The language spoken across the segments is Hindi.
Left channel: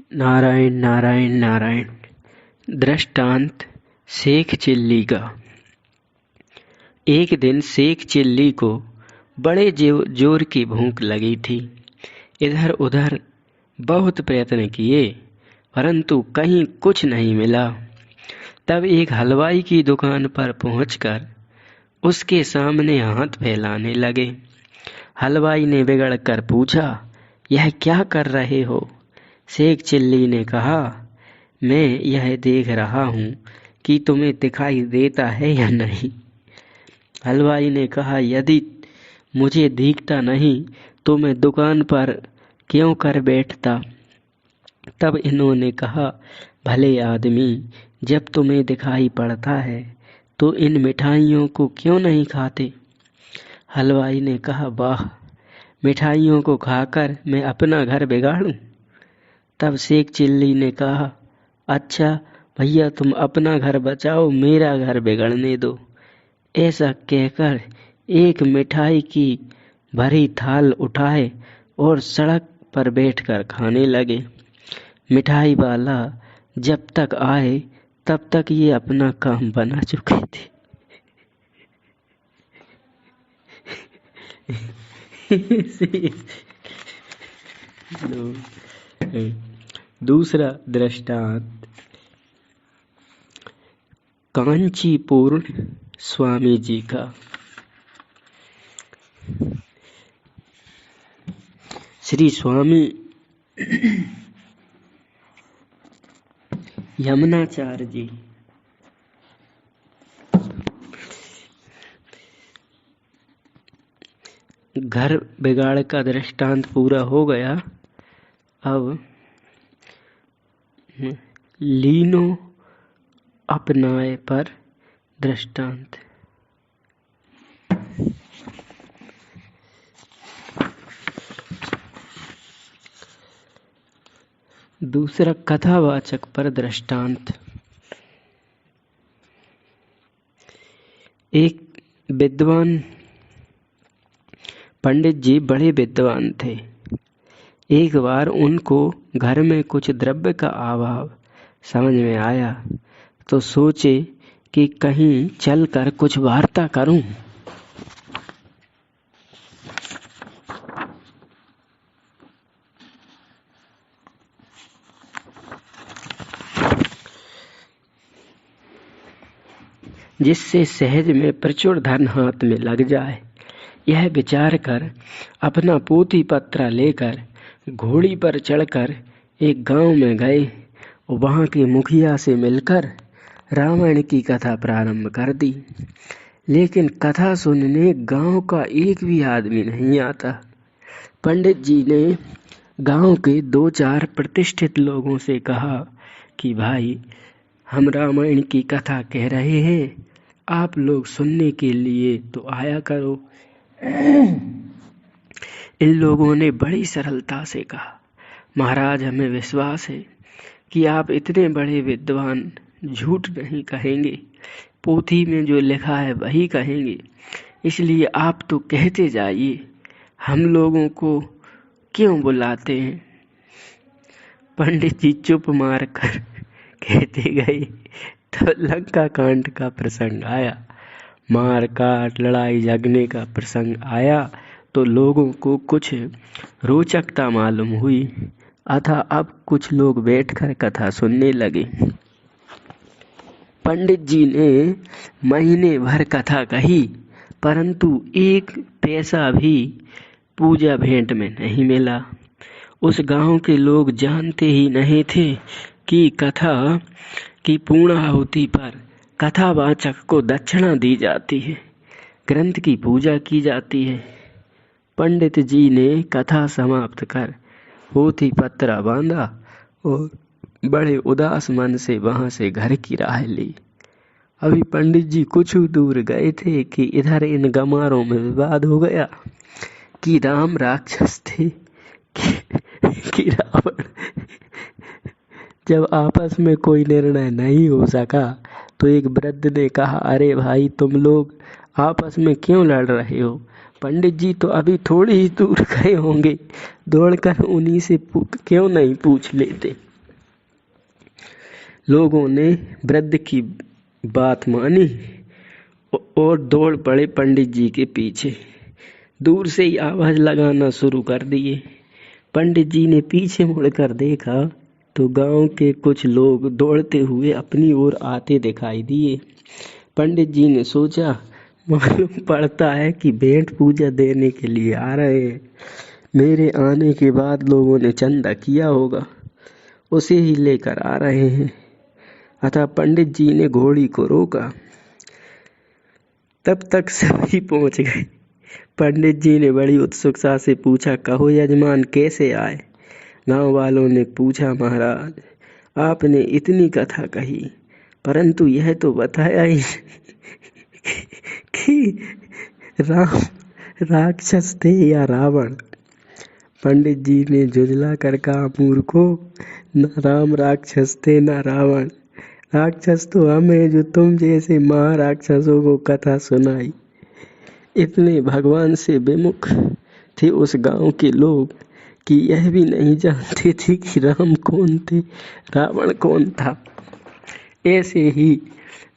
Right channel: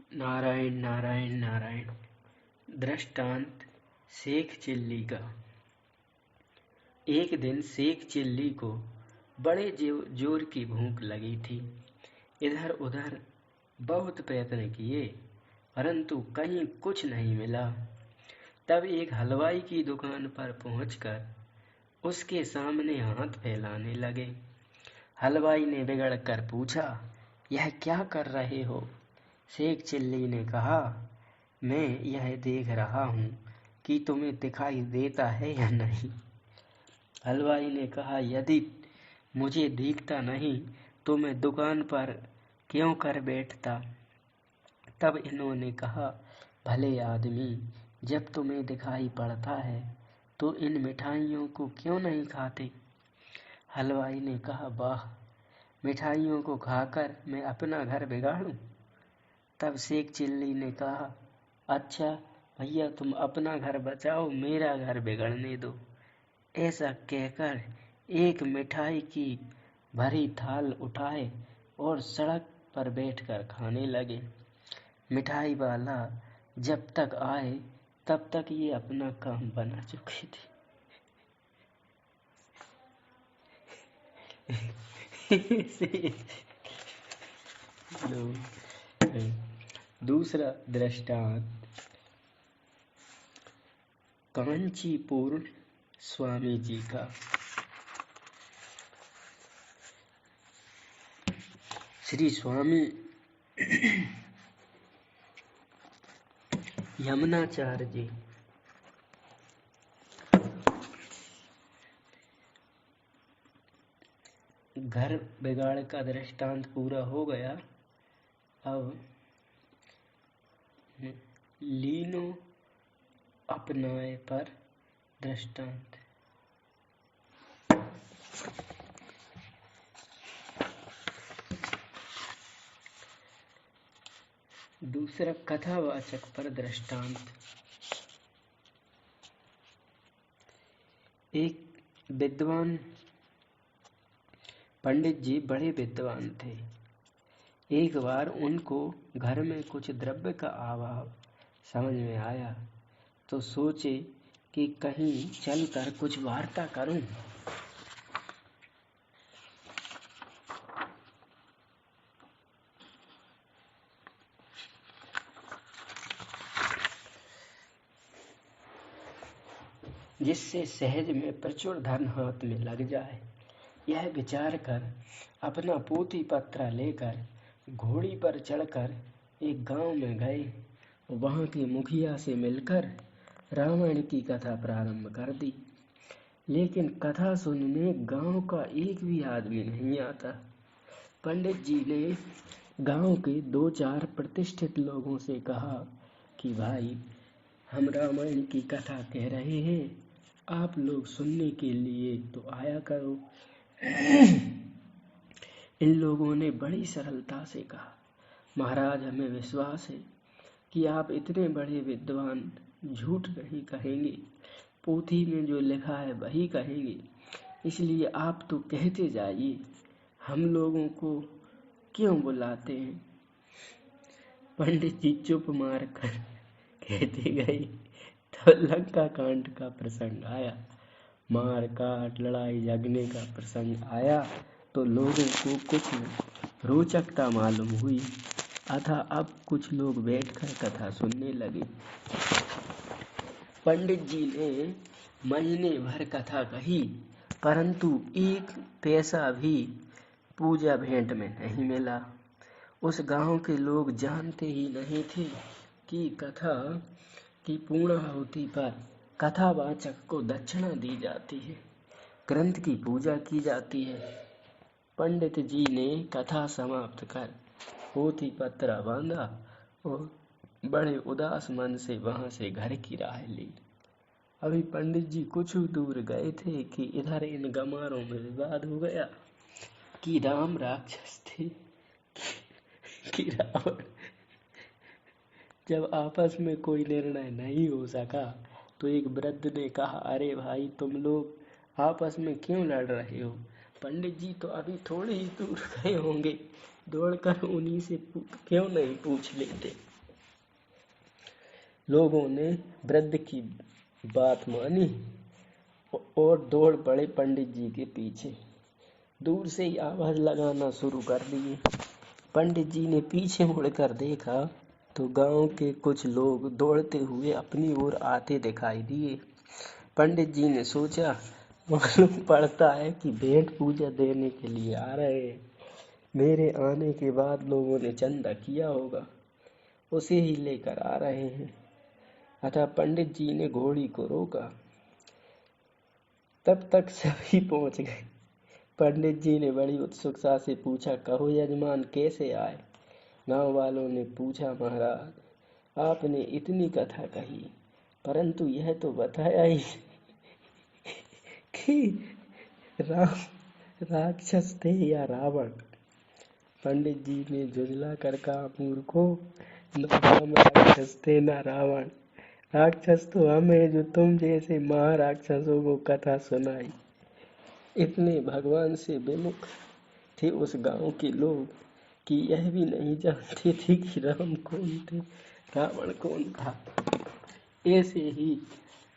नारायण नारायण नारायण। दृष्टांत शेख चिल्ली का। एक दिन शेख चिल्ली को बड़े जोर की भूख लगी थी। इधर उधर बहुत प्रयत्न किए, परंतु कहीं कुछ नहीं मिला। तब एक हलवाई की दुकान पर पहुंचकर उसके सामने हाथ फैलाने लगे। हलवाई ने बिगड़ कर पूछा, यह क्या कर रहे हो? शेख चिल्ली ने कहा, मैं यह देख रहा हूँ कि तुम्हें दिखाई देता है या नहीं। हलवाई ने कहा, यदि मुझे दिखता नहीं तो मैं दुकान पर क्यों कर बैठता? तब इन्होंने कहा, भले आदमी, जब तुम्हें दिखाई पड़ता है तो इन मिठाइयों को क्यों नहीं खाते? हलवाई ने कहा, वाह, मिठाइयों को खाकर मैं अपना घर बिगाड़ूं? तब शेख चिल्ली ने कहा, अच्छा भैया, तुम अपना घर बचाओ, मेरा घर बिगड़ने दो। ऐसा कहकर एक मिठाई की भरी थाल उठाए और सड़क पर बैठकर खाने लगे। मिठाई वाला जब तक आए तब तक ये अपना काम बना चुके थे। दूसरा दृष्टांत कांचीपुर स्वामी जी का। श्री स्वामी यमुनाचार्य जी घर बिगाड़ का दृष्टांत पूरा हो गया। अब लीनो अपनाए पर दृष्टांत। दूसरा कथावाचक पर दृष्टांत। एक विद्वान पंडित जी बड़े विद्वान थे। एक बार उनको घर में कुछ द्रव्य का अभाव समझ में आया तो सोचे कि कहीं चलकर कुछ वार्ता करूं। जिससे सहज में प्रचुर धन हाथ में लग जाए। यह विचार कर अपना पोथी पत्रा लेकर घोड़ी पर चढ़कर एक गांव में गए। वहां के मुखिया से मिलकर रामायण की कथा प्रारंभ कर दी। लेकिन कथा सुनने गांव का एक भी आदमी नहीं आता। पंडित जी ने गांव के 2-4 प्रतिष्ठित लोगों से कहा कि भाई, हम रामायण की कथा कह रहे हैं, आप लोग सुनने के लिए तो आया करो। इन लोगों ने बड़ी सरलता से कहा, महाराज, हमें विश्वास है कि आप इतने बड़े विद्वान झूठ नहीं कहेंगे, पोथी में जो लिखा है वही कहेंगे, इसलिए आप तो कहते जाइए, हम लोगों को क्यों बुलाते हैं? पंडित जी चुप मार कर कहते गए। तो लंका कांड का प्रसंग आया, मार काट लड़ाई झगड़ने का प्रसंग आया तो लोगों को कुछ रोचकता मालूम हुई। अतः अब कुछ लोग बैठकर कथा सुनने लगे। पंडित जी ने महीने भर कथा कही, परंतु एक पैसा भी पूजा भेंट में नहीं मिला। उस गांव के लोग जानते ही नहीं थे कि कथा की पूर्णाहुति पर कथावाचक को दक्षिणा दी जाती है, ग्रंथ की पूजा की जाती है। पंडित जी ने कथा समाप्त कर पोथी पत्रा बांधा और बड़े उदास मन से वहां से घर की राह ली। अभी पंडित जी कुछ दूर गए थे कि इधर इन गमारों में विवाद हो गया कि राम राक्षस थे कि रावण। जब आपस में कोई निर्णय नहीं हो सका तो एक वृद्ध ने कहा, अरे भाई, तुम लोग आपस में क्यों लड़ रहे हो? पंडित जी तो अभी थोड़ी ही दूर गए होंगे, दौड़कर उन्हीं से क्यों नहीं पूछ लेते? लोगों ने वृद्ध की बात मानी और दौड़ पड़े पंडित जी के पीछे। दूर से ही आवाज लगाना शुरू कर दिए। पंडित जी ने पीछे मुड़कर देखा तो गांव के कुछ लोग दौड़ते हुए अपनी ओर आते दिखाई दिए। पंडित जी ने सोचा, मालूम पड़ता है कि भेंट पूजा देने के लिए आ रहे हैं। मेरे आने के बाद लोगों ने चंदा किया होगा, उसे ही लेकर आ रहे हैं। अतः पंडित जी ने घोड़ी को रोका। तब तक सभी पहुंच गए। पंडित जी ने बड़ी उत्सुकता से पूछा, कहो यजमान, कैसे आए? गांव वालों ने पूछा, महाराज, आपने इतनी कथा कही, परंतु यह तो बताया ही कि राम राक्षस थे या रावण। पंडित जी ने झुंझला कर कहा, मूर्खो, न राम राक्षस थे न रावण। राक्षस तो हम हैं जो तुम जैसे महाराक्षसों को कथा सुनाई। इतने भगवान से विमुख थे उस गांव के लोग कि यह भी नहीं जानते थे कि राम कौन थे, रावण कौन था। ऐसे ही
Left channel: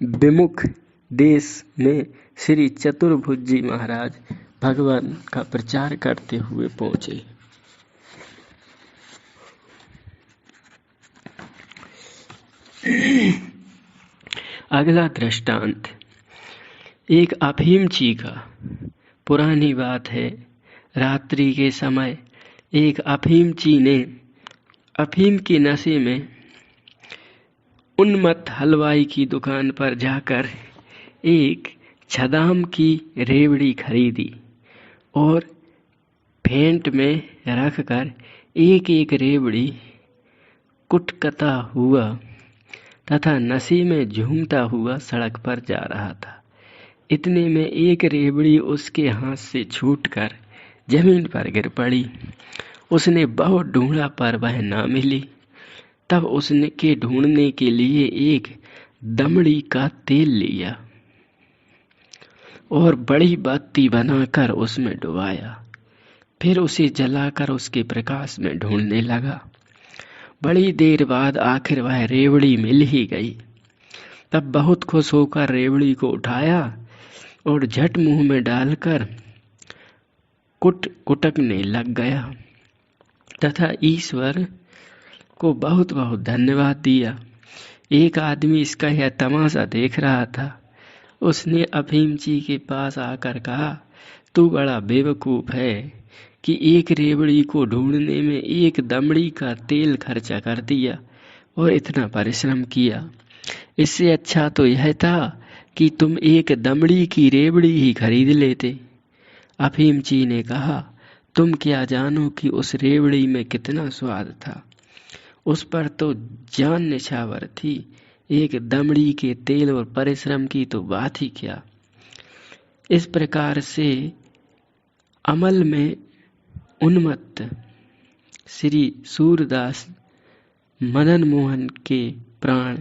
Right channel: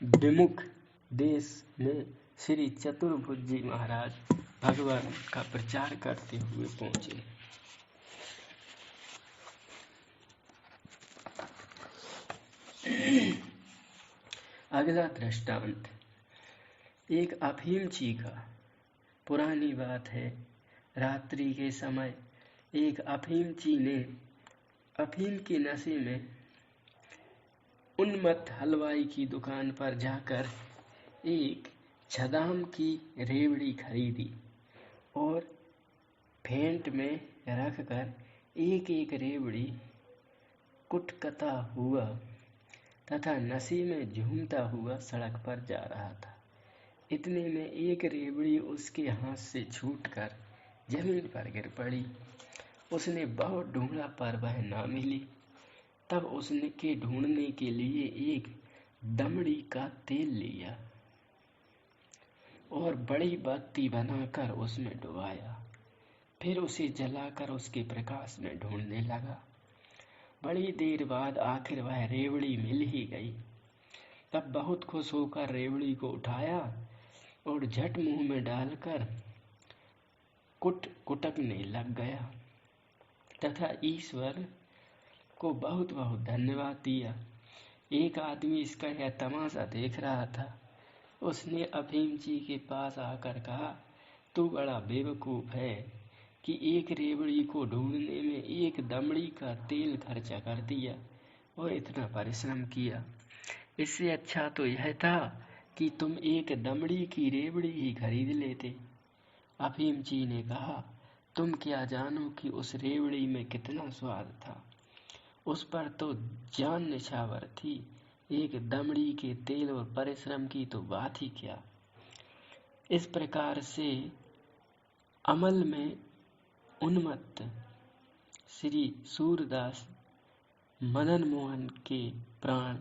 विमुख देश में श्री चतुर्भुज जी महाराज भगवान का प्रचार करते हुए पहुंचे। अगला दृष्टांत एक अफीमची का। पुरानी बात है, रात्रि के समय एक अफीमची ने अफीम के नशे में उन्मत्त हलवाई की दुकान पर जाकर एक छदाम की रेवड़ी खरीदी और फेंट में रखकर एक एक रेवड़ी कुटकता हुआ तथा नशे में झूमता हुआ सड़क पर जा रहा था। इतने में एक रेवड़ी उसके हाथ से छूटकर जमीन पर गिर पड़ी। उसने बहुत ढूंढा पर वह ना मिली। तब उसने के ढूंढने के लिए एक दमड़ी का तेल लिया और बड़ी बत्ती बनाकर उसमें डुबाया। फिर उसे जलाकर उसके प्रकाश में ढूंढने लगा। बड़ी देर बाद आखिर वह रेवड़ी मिल ही गई। तब बहुत खुश होकर रेवड़ी को उठाया और झट मुंह में डालकर कुटकने लग गया तथा ईश्वर को बहुत बहुत धन्यवाद दिया। एक आदमी इसका यह तमाशा देख रहा था। उसने अफीमची के पास आकर कहा, तू बड़ा बेवकूफ है कि एक रेवड़ी को ढूंढने में एक दमड़ी का तेल खर्चा कर दिया और इतना परिश्रम किया। इससे अच्छा तो यह था कि तुम एक दमड़ी की रेवड़ी ही खरीद लेते। अफीमची ने कहा, तुम क्या जानो कि उस रेवड़ी में कितना स्वाद था। उस पर तो जान निछावर थी। एक दमड़ी के तेल और परिश्रम की तो बात ही क्या। इस प्रकार से अमल में उन्मत्त श्री सूरदास मदन मोहन के प्राण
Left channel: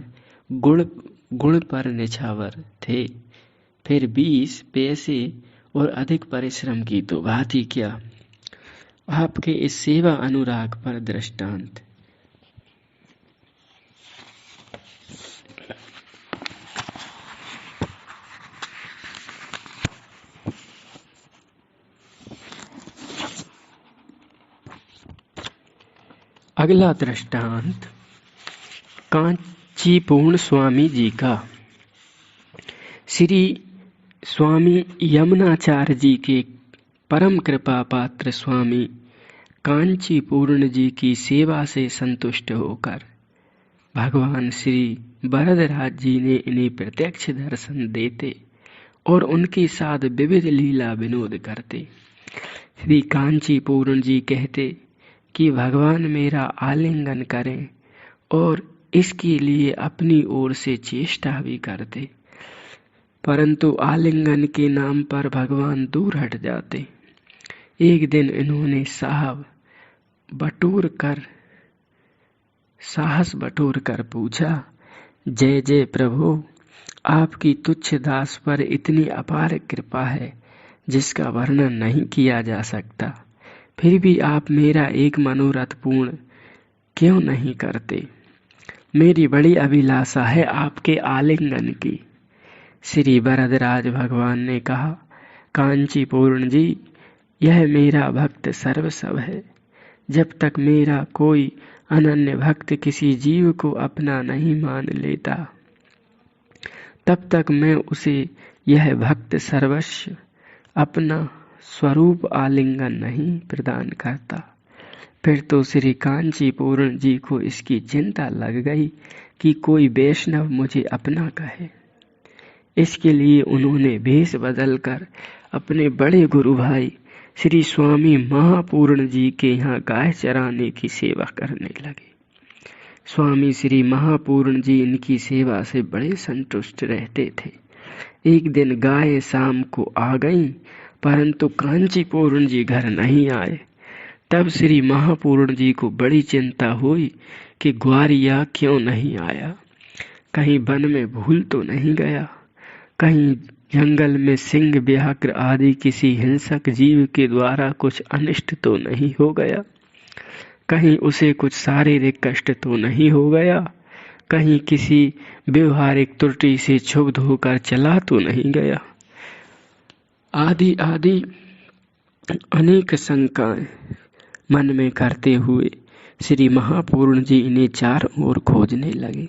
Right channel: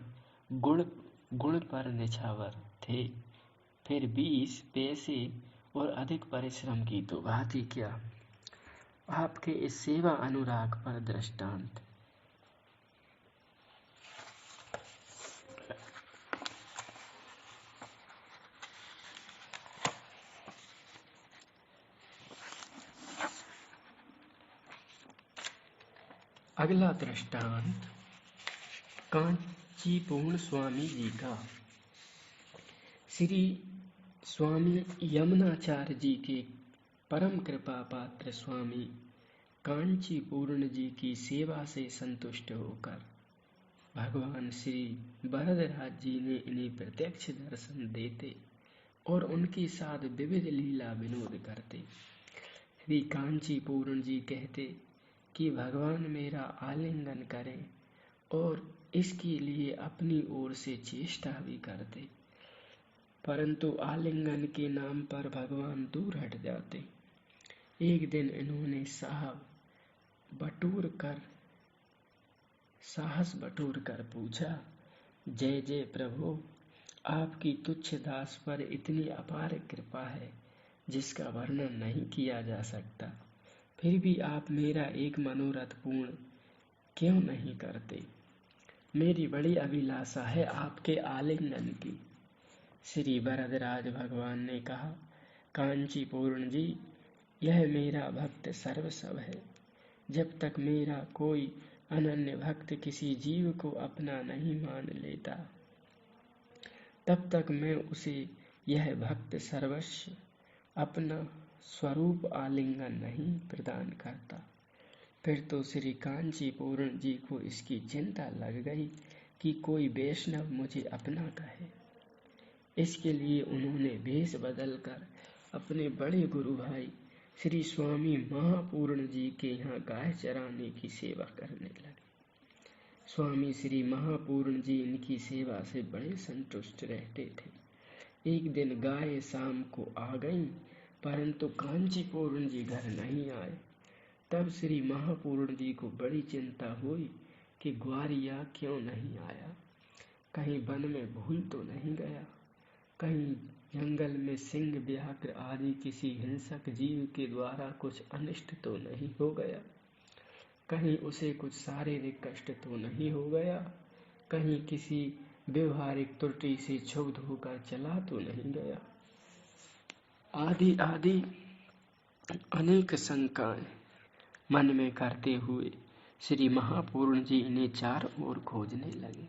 गुण पर निछावर थे। फिर 20 पैसे और अधिक परिश्रम की तो बात ही क्या। आपके इस सेवा अनुराग पर दृष्टांत। अगला दृष्टांत कांची पूर्ण स्वामी जी का। श्री स्वामी यमुनाचार्य जी के परम कृपा पात्र स्वामी कांची पूर्ण जी की सेवा से संतुष्ट होकर भगवान श्री वरदराज जी ने इन्हें प्रत्यक्ष दर्शन देते और उनके साथ विविध लीला विनोद करते। श्री कांची पूर्ण जी कहते कि भगवान मेरा आलिंगन करें और इसके लिए अपनी ओर से चेष्टा भी करते, परंतु आलिंगन के नाम पर भगवान दूर हट जाते। एक दिन इन्होंने साहस बटोर कर पूछा, जय जय प्रभु, आपकी तुच्छ दास पर इतनी अपार कृपा है जिसका वर्णन नहीं किया जा सकता। फिर भी आप मेरा एक मनोरथ पूर्ण क्यों नहीं करते? मेरी बड़ी अभिलाषा है आपके आलिंगन की। श्री वरदराज भगवान ने कहा, कांची पूर्ण जी, यह मेरा भक्त सर्वस्व है। जब तक मेरा कोई अनन्य भक्त किसी जीव को अपना नहीं मान लेता, तब तक मैं उसे यह भक्त सर्वस्व, अपना स्वरूप आलिंगन नहीं प्रदान करता। फिर तो श्री कांची पूर्ण जी को इसकी चिंता लग गई कि कोई वैष्णव मुझे अपना कहे। इसके लिए उन्होंने भेष बदलकर अपने बड़े गुरु भाई श्री स्वामी महापूर्ण जी के यहाँ गाय चराने की सेवा करने लगे। स्वामी श्री महापूर्ण जी इनकी सेवा से बड़े संतुष्ट रहते थे। एक दिन गाय शाम को आ गईं, परंतु कांची पूर्ण जी घर नहीं आए। तब श्री महापूर्ण जी को बड़ी चिंता हुई कि ग्वारिया क्यों नहीं आया, कहीं वन में भूल तो नहीं गया, कहीं जंगल में सिंह व्याघ्र आदि किसी हिंसक जीव के द्वारा कुछ अनिष्ट तो नहीं हो गया, कहीं उसे कुछ शारीरिक कष्ट तो नहीं हो गया, कहीं किसी व्यवहारिक त्रुटि से क्षुब्ध होकर चला तो नहीं गया, आदि आदि अनेक शंकाएं मन में करते हुए श्री महापूर्ण जी इन्हें चारों ओर खोजने लगे।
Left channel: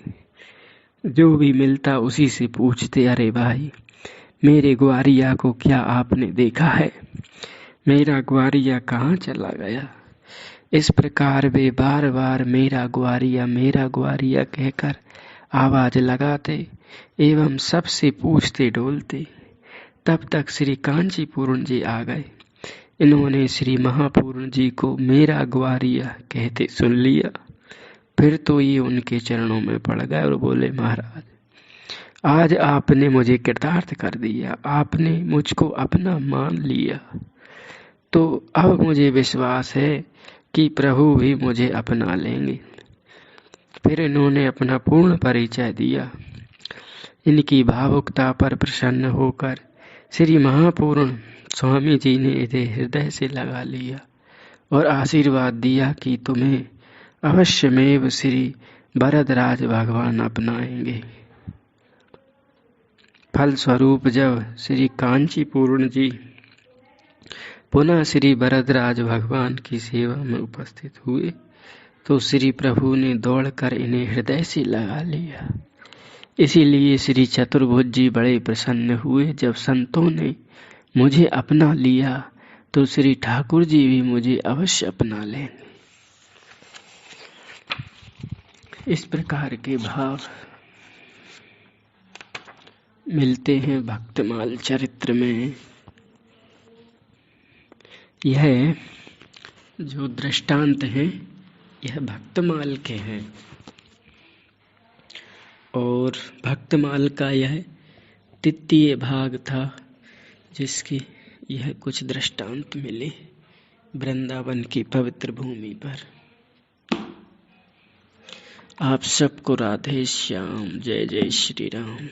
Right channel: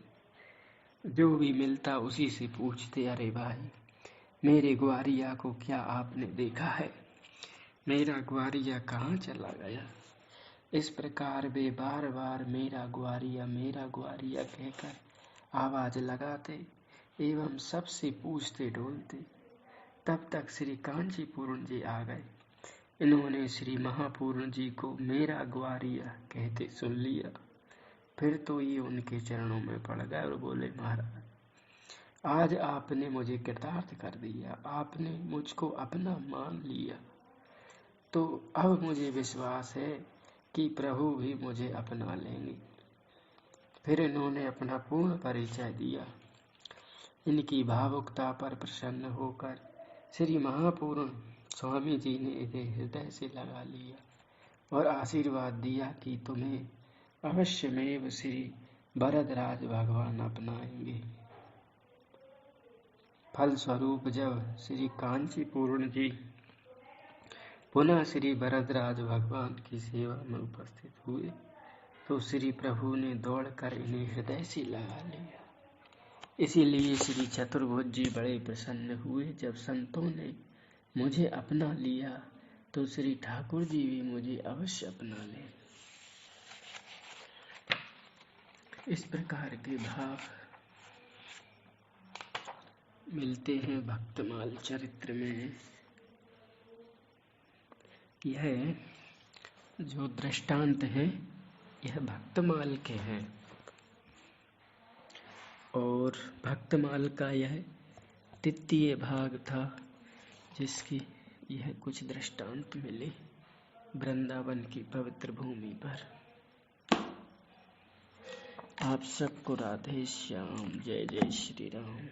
जो भी मिलता उसी से पूछते, अरे भाई, मेरे ग्वारिया को क्या आपने देखा है? मेरा ग्वारिया कहाँ चला गया? इस प्रकार वे बार बार मेरा ग्वारिया कहकर आवाज लगाते एवं सबसे पूछते डोलते। तब तक श्री कांची पूर्ण जी आ गए। इन्होंने श्री महापूर्ण जी को मेरा ग्वारिया कहते सुन लिया। फिर तो ये उनके चरणों में पड़ गए और बोले, महाराज, आज आपने मुझे कृतार्थ कर दिया, आपने मुझको अपना मान लिया, तो अब मुझे विश्वास है कि प्रभु भी मुझे अपना लेंगे। फिर इन्होंने अपना पूर्ण परिचय दिया। इनकी भावुकता पर प्रसन्न होकर श्री महापूर्ण स्वामी जी ने इन्हें हृदय से लगा लिया और आशीर्वाद दिया कि तुम्हें अवश्यमेव श्री वरदराज भगवान अपनाएंगे। फलस्वरूप जब श्री कांची पूर्ण जी पुनः श्री वरदराज भगवान की सेवा में उपस्थित हुए तो श्री प्रभु ने दौड़कर इन्हें हृदय से लगा लिया। इसीलिए श्री चतुर्भुज जी बड़े प्रसन्न हुए। जब संतों ने मुझे अपना लिया तो श्री ठाकुर जी भी मुझे अवश्य अपना लेंगे। इस प्रकार के भाव मिलते हैं भक्तमाल चरित्र में। यह जो दृष्टांत हैं यह भक्तमाल के हैं और भक्तमाल का यह तृतीय भाग था, जिसकी यह कुछ दृष्टांत मिले वृंदावन की पवित्र भूमि पर। आप सबको राधे श्याम। जय जय श्री राम।